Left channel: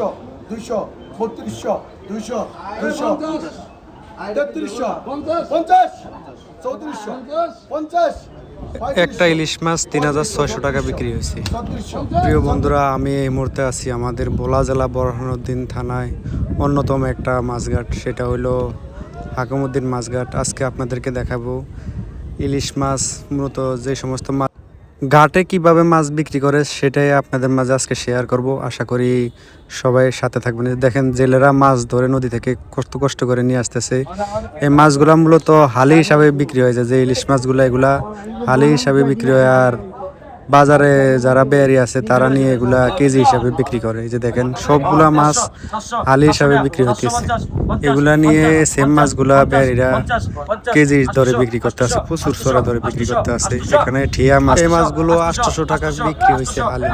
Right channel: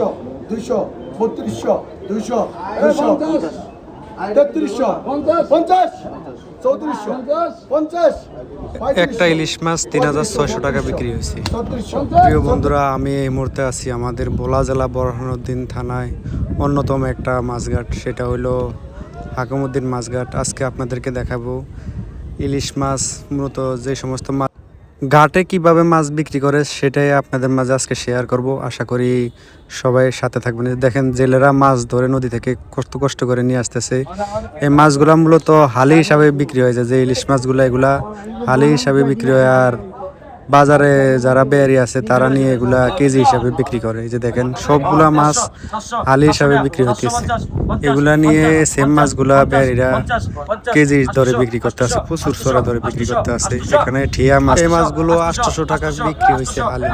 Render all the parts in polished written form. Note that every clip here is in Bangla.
200 200 3200 200 200 3300 50 3400 50 একটা ইলিশ মাছ 3600 টাকা বিক্রি হয়েছে। প্রিয় বন্ধুরা, আমি এই মুহূর্তে আছি আমাদের ভোলা জেলা বোরহানউদ্দিন থানায় অন্যতম একটা মাছঘাট, সেটা হলো হাকিমউদ্দিন মাছঘাট। আজকে আপনাদেরকে দেখাবো ইলিশ মাছ, মূলত যে সমস্ত মাছ ঘাটে কিভাবে মাছ বিক্রি করে সেটাই আপনাদের মাঝে আজকে শেয়ার করব। আশা করি সবাই সাথে থাকবেন। দেখেন, জেলেরা মাছ ধরে নদী থেকে কষ্ট করে নিয়ে আসতেছে। এই মাছগুলো মূলত হালি হিসাবে বিক্রি হয়ে যায়, যে ইলিশ মাছগুলো এগুলা হালি হিসাবে বিক্রি হয়, আর বাজারে যারা বেয়ারি আছে তারা নিয়ে এগুলা কেজি হিসাবে বিক্রি করে। এই যে দেখেন, সবগুলা মাছ হালি হিসাবে বিক্রি হইতেছে। এগুলা নিয়ে সেম মাছগুলা বেয়ারিরা কেজি ধরে বিক্রি করতে আছে, প্রচুর সরা ধরে বিক্রি করতে আছে। এখানে ঠিয়া মাছ, এই মাছগুলো 800 টাকা বিক্রি হয়েছে হালি।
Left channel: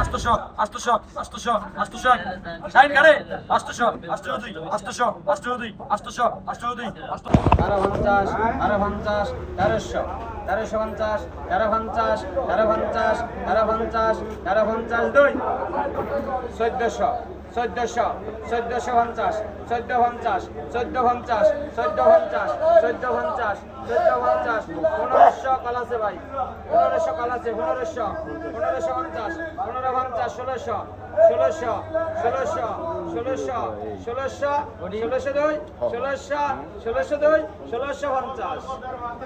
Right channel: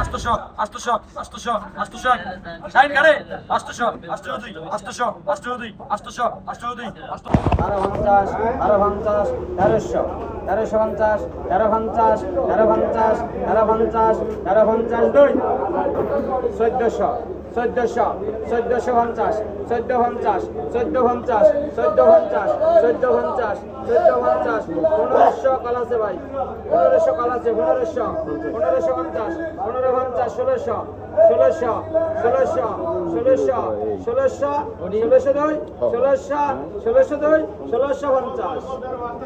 চোদ্দশো 1450 1450 1450 1450 1450 1450 1500 কাল আছে ভাই, 1500 কাল আছে, 1500 1550 1550 1600 1600 1600 1600 1600 1600 দুই 1600 1600 দুই 1650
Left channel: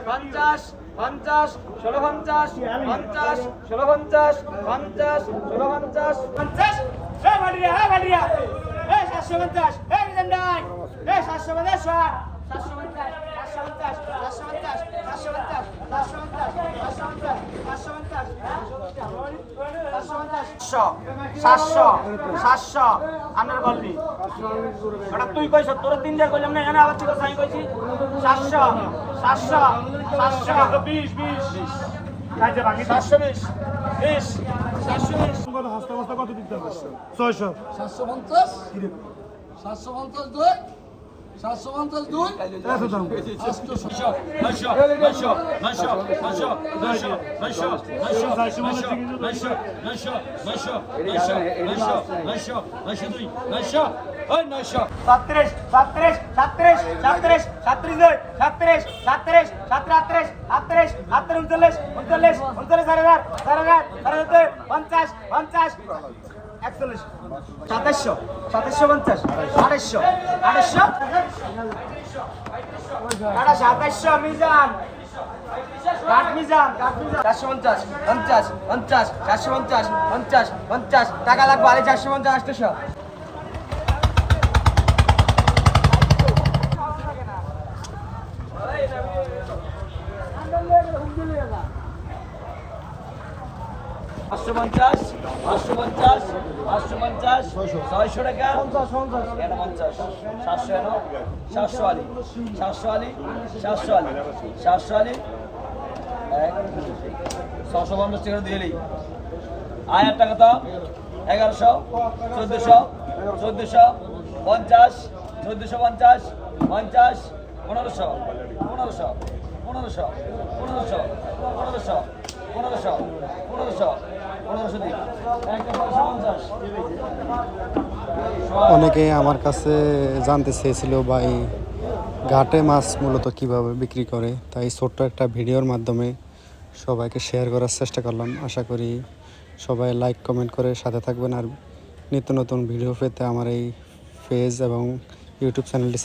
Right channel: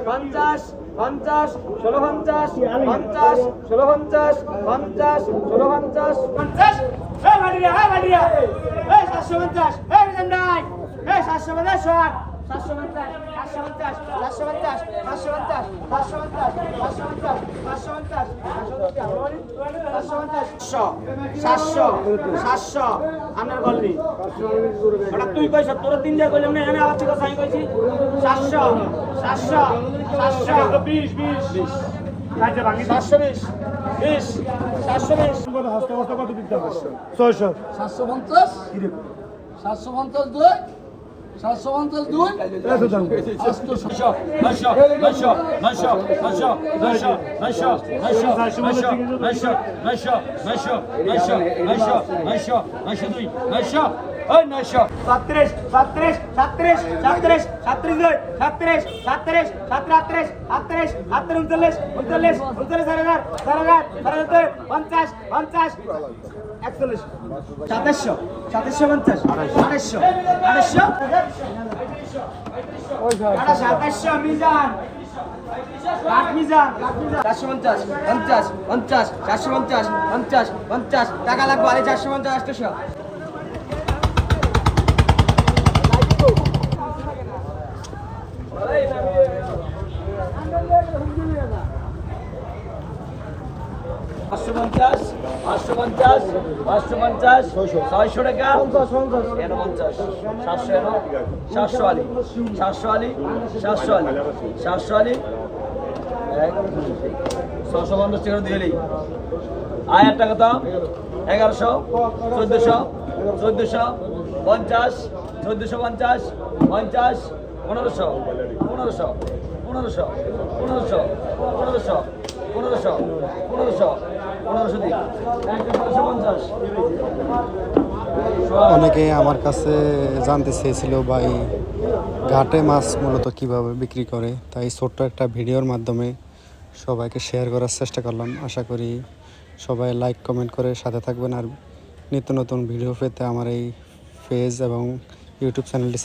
50 50 1650 50 1650 50 1650 50 Hey Maria, hey Maria. Hey 750. Hey Zandai. Hey 750. 750. 700 আপনার বললি ওটা তুই কইছ, তোর 3 বার কইলাম না, এখানে আবার থেকে সাই কইছি 700 20 720 20 720 কত হাসতে হাসতে কত দিতে হবে 600 750 750 দুই 750 দুই এত দাম 50 টাকা লাগবে 450 600 টাকা 700 আলি 650 টাকা দিলেই আয়ার টাকা তো 1100 1400 50 1450 50 1500 দিন 1550 অনেকে আমার কাছে জানতে চেয়েছিল ভাই ঘাটে মাছ মূলত কিভাবে বিক্রি করে, তাই ছোট্ট একটা ভিডিওর মাধ্যমে সবাইকে শেয়ার করার চেষ্টা করলাম। আশা করি সবাই লাইক কমেন্ট করে সাথে থাকবেন, আর নিত্য নতুন ভিডিও পেতে আমার এই পেজ এবং ইউটিউব চ্যানেলটি